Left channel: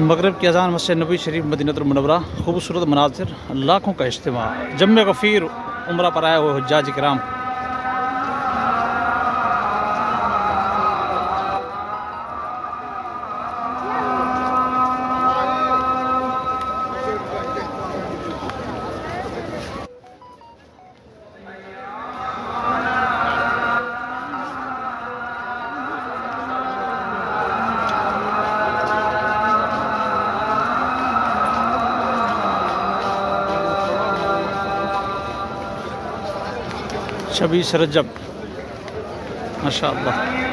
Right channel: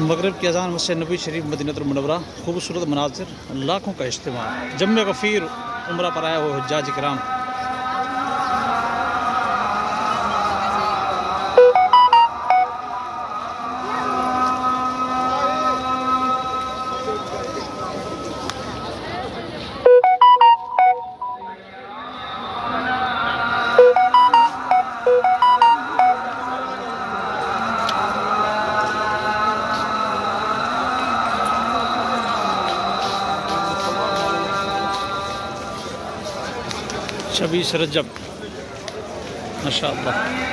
मगरब की अजान मस्जिद नबी शरीफ मदीनतुल मुनव्वरा खूबसूरत मनाजिर लाखों का इज्तिमा जम्मे गफ़ीर उम्रा पर आए हुए हुज्जाज किराम। छब्बीस रजब माशाअल्लाह।